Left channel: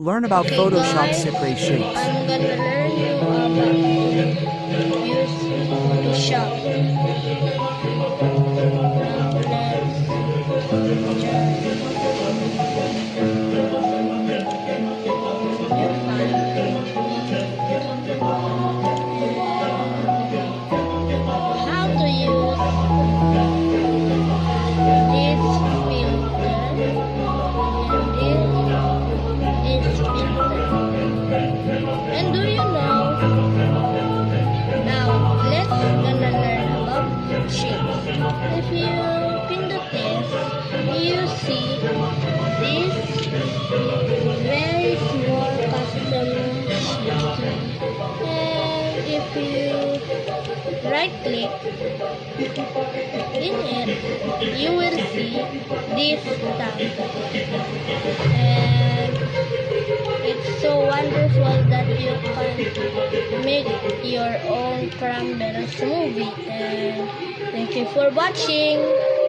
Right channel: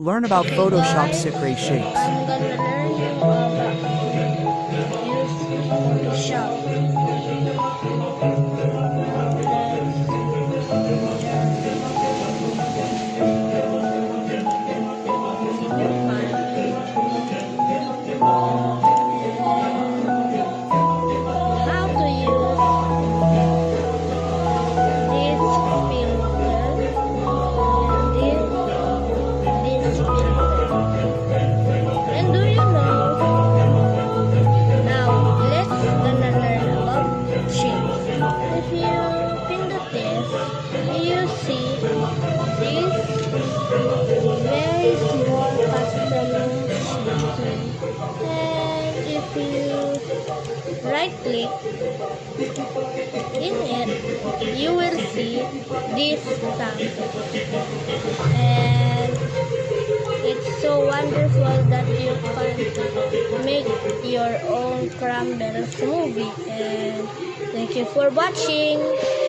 Learn about Okay Photoshop guys, Secret shapes. I'm gonna learn you about to use Photoshop. Now let's just new file and how to use this filter and this filter. And do you know? Now let's gonna learn about shapes. If you pindot this, you see this very small custom shape. And if you right click in it, you will see this tab. And it's so wonderful that you can make your own Crumbles movie. And thank you for watching.